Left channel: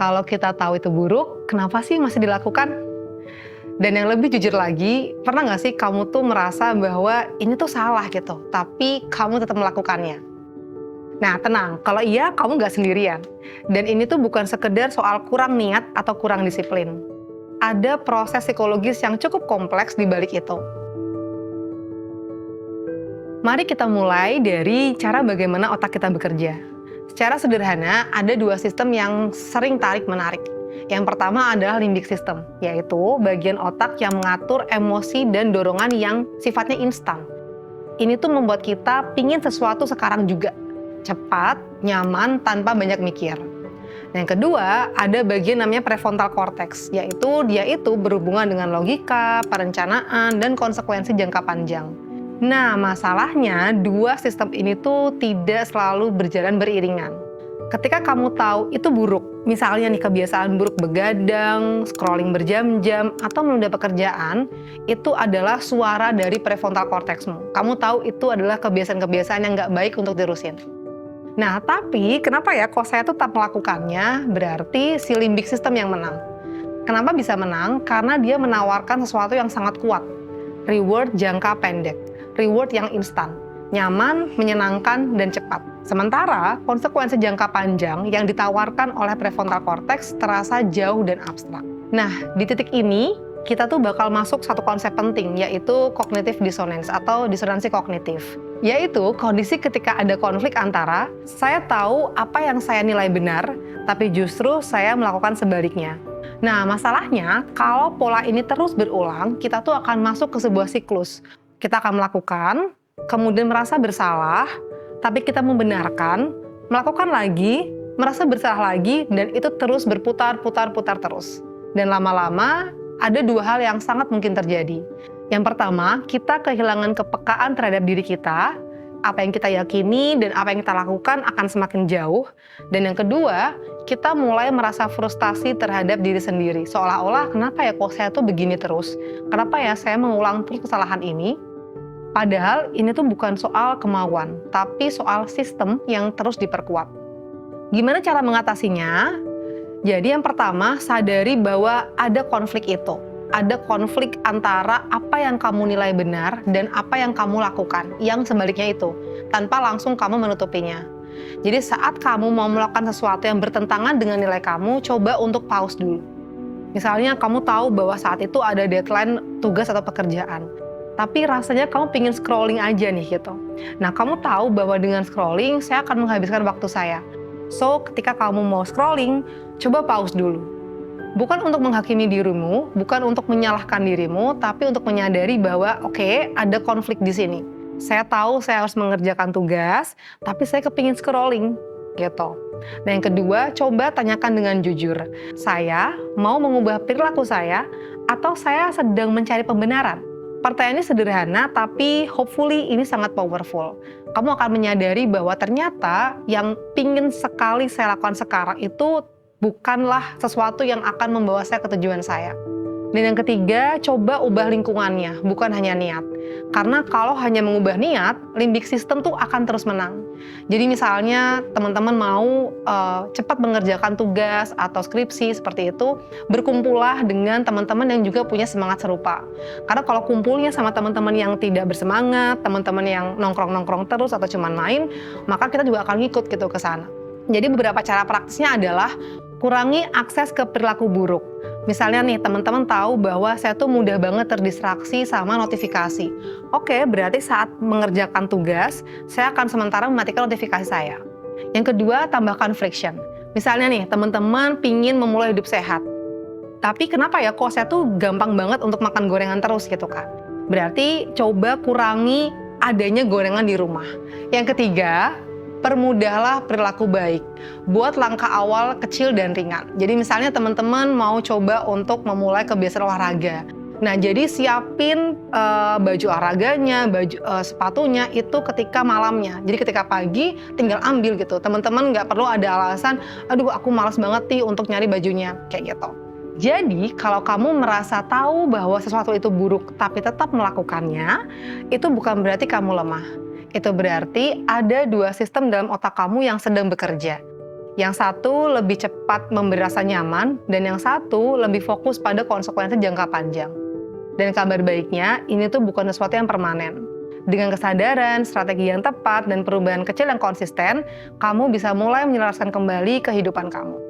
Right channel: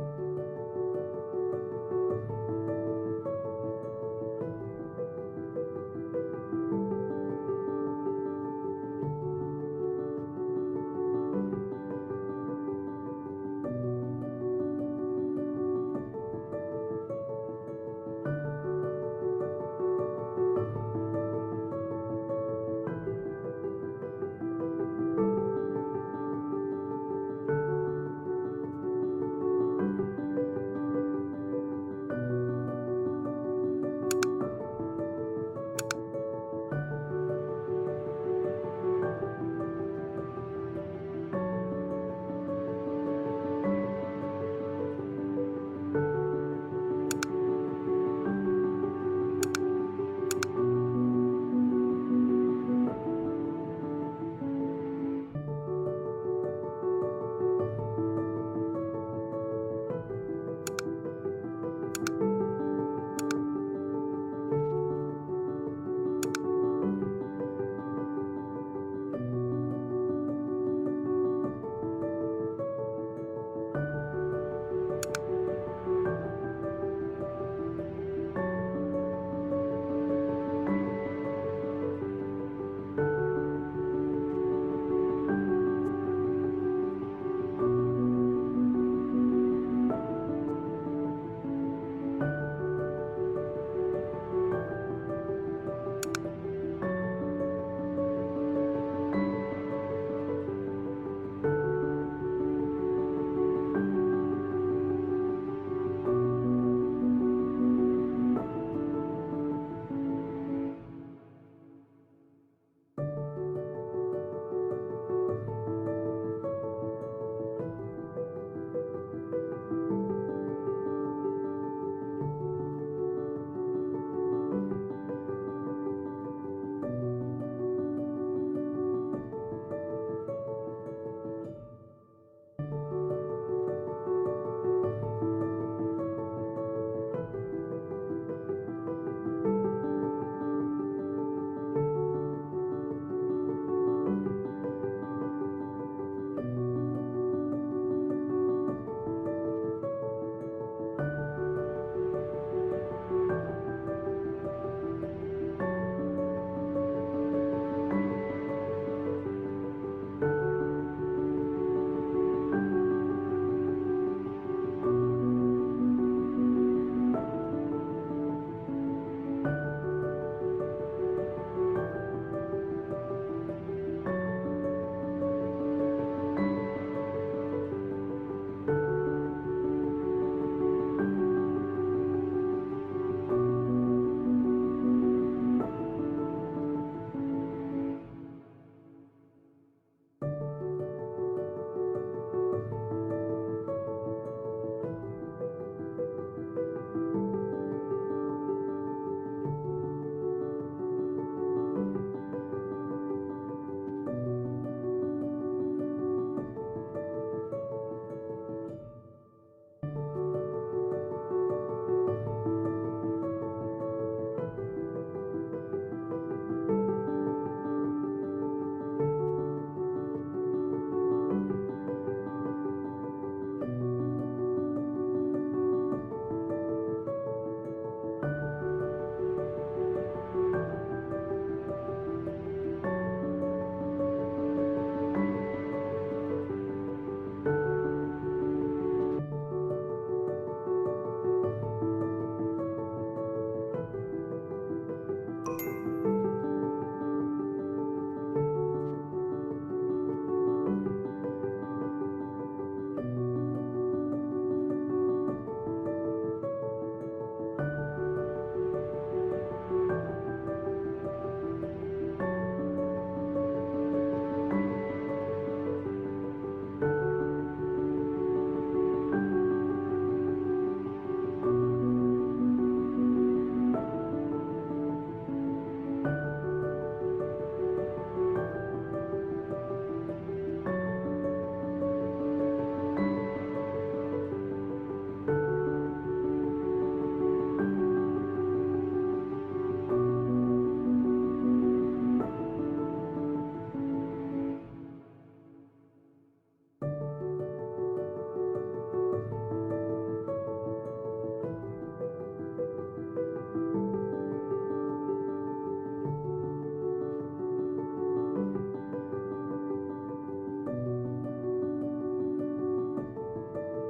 Kalau kita tahu itu buruk, kenapa sih masih dilakukan? Dan yang lebih jujur lagi, pernah nggak sih kamu tuh merasa bahwa ini tuh salah gitu, tapi kamu tetap melakukannya? Nah, tenang, kalau iya, kamu nggak sendirian. Dan ini tuh bukan sekedar soal kurang niat atau kurang disiplin. Ada proses psikologis yang cukup kompleks di balik itu. Mari kita mulai dari cara bagaimana otak kita bekerja. Secara sederhana, ada dua sistem yang sering tarik-menarik. Yang pertama adalah limbic system, yaitu bagian otak yang mengatur emosi dan dorongan yang sifatnya instan. Ini tuh membuat kita pingin sesuatu sekarang juga, cepat, nyaman, tanpa banyak mikir. Yang kedua, ada bagian namanya prefrontal cortex, yaitu dia itu berhubungan dengan logika, perencanaan, dan konsekuensi jangka panjang. Nah, masalahnya dua sistem ini tuh tidak selalu berjalan beriringan. Ketika kamu tahu itu buruk, misalnya nih kebiasaan buruk begadang, scrolling berjam-jam, atau menunda pekerjaan, itu adalah suara dari prefrontal cortexmu. Kamu tahu itu adalah kebiasaan-kebiasaan yang nggak baik untuk dirusin. Nah, tapi kenapa ya kok saya tetap melakukannya? Berarti si limbic system yang menang. Kenapa bisa menang? Karena dia menawarkan sesuatu yang sangat kuat. Reward jangka pendek. Reward yang instan, nyaman, menyenangkan, dan cepat. Sementara konsekuensi jangka panjang yang ditawarkan oleh prefrontal cortex terasa jauh dan abstrak. Nah, di titik ini kita tuh bakal masuk satu konsep penting, yaitu cognitive dissonance atau disonansi kognitif. Yaitu kondisi ketika ada konflik antara saya tahu apa yang saya nilai benar, tapi justru saya melakukan sebaliknya. Nah, masalahnya kalau pola ini terus berulang, kita tuh akan masuk ke sebuah siklus. Kita akan melakukan, kemudian merasa bersalah, tapi kita membenarkan, melakukan lagi, merasa bersalah lagi, dan itu terus berputar-putar-putar terus. Dan lama-lama, ada dua hal yang sangat mungkin terjadi. Yang pertama, kita kehilangan kepekaan terhadap diri kita, apa yang kita yakini dan apa yang kita lakukan akan semakin jauh. Dan yang kedua, kita mulai merasa frustasi terhadap diri sendiri. Seolah-olah, kenapa ya kok saya tuh begini terus? Kenapa ya saya mengulang terus kesalahan ini? Padahal ini tuh bukan soal kemauan, tapi soal sistem yang terus diperkuat. Gimana cara mengatasinya? Jadi yang pertama, sadari bahwa ada konflik itu. Ada konflik antara apa yang kamu nilai benar dan apa yang kamu lakukan, yang sebaliknya itu, tanpa langsung kamu menutupinya. Jadi saat kamu mau melakukan sesuatu yang bertentangan dengan nilai kamu, coba untuk pause dulu. Misalnya kamu tahu bahwa saat itu ada deadline tugas atau pekerjaan, tapi rasanya kamu pingin scrolling aja nih gitu. Nah, kamu tahu bahwa dengan scrolling, saya akan menghabiskan waktu saya. So, ketika kamu mau scrolling, coba pause dulu. Bukan untuk menghakimi dirimu, bukan untuk menyalahkan dirimu, tapi untuk menyadari bahwa oke, ada konflik di sini. Saya tahu saya harus mengerjakan tugas, tapi saya kepingin scrolling, gitu. Dan yang kedua, coba tanyakan dengan jujur. Saya mau mengubah perilaku saya, atau saya sedang mencari pembenaran? Pertanyaannya sederhana, tapi hopefully ini sangat powerful. Kamu akan menyadari bahwa ternyata yang pingin sekali saya lakukan sekarang itu bukanlah sesuatu yang akan membawa saya ke tujuan saya. Dan yang ketiga, coba ubah lingkungannya, bukan hanya niat. Karena kalau hanya mengubah niat, limbic system tuh akan terus menang. Jadi misalnya teman-teman mau cepat mengerjakan tugas atau skripsi seperti itu, berkumpullah dengan teman-teman yang juga punya semangat serupa. Karena kalau kumpulnya sama teman-teman yang tidak bersemangat, teman-teman yang nongkrong-nongkrong terus atau cuma main, maka kita juga akan ngikut gitu ke sana. Jadi beberapa cara praktisnya adalah kurangi akses ke perilaku buruk. Misalnya nih, teman-teman tahu bahwa saya tuh mudah banget terdistraksi sama notifikasi. Oke, berarti saat mengerjakan tugas, saya akan sementara mematikan notifikasi saya. Yang kedua, tambahkan friction. Misalnya nih, teman-teman pingin memulai hidup sehat. Tapi kenapa ya kok saya tuh gampang banget untuk makan gorengan terus gitu kan? Berarti coba kurangi adanya gorengan di rumah. Yang ketiga, permudahlah perilaku baik. Buat langkah awal kecil dan ringan. Jadi misalnya teman-teman mau coba untuk memulai kebiasaan olahraga. Nah, jadi siapin baju olahraganya, sepatunya itu ketika malamnya. Jadi ketika pagi tinggal ambil gitu. Teman-teman nggak perlu ada alasan, aduh aku malas banget nih untuk nyari bajunya, kayak gitu. Jadi kalau kamu merasa tahu bahwa sesuatu itu buruk tapi tetap melakukannya, itu bukan berarti kamu lemah. Itu berarti ada dua sistem dalam otak kamu yang sedang bekerja, Yang satu lebih cepat memberi rasa nyaman, dan yang satu lebih fokus pada konsekuensi jangka panjang. Dan kabar baiknya, ini tuh bukan sesuatu yang permanen. Dengan kesadaran, strategi yang tepat, dan perubahan kecil yang konsisten, kamu bisa mulai menyelaraskan kembali kehidupan kamu.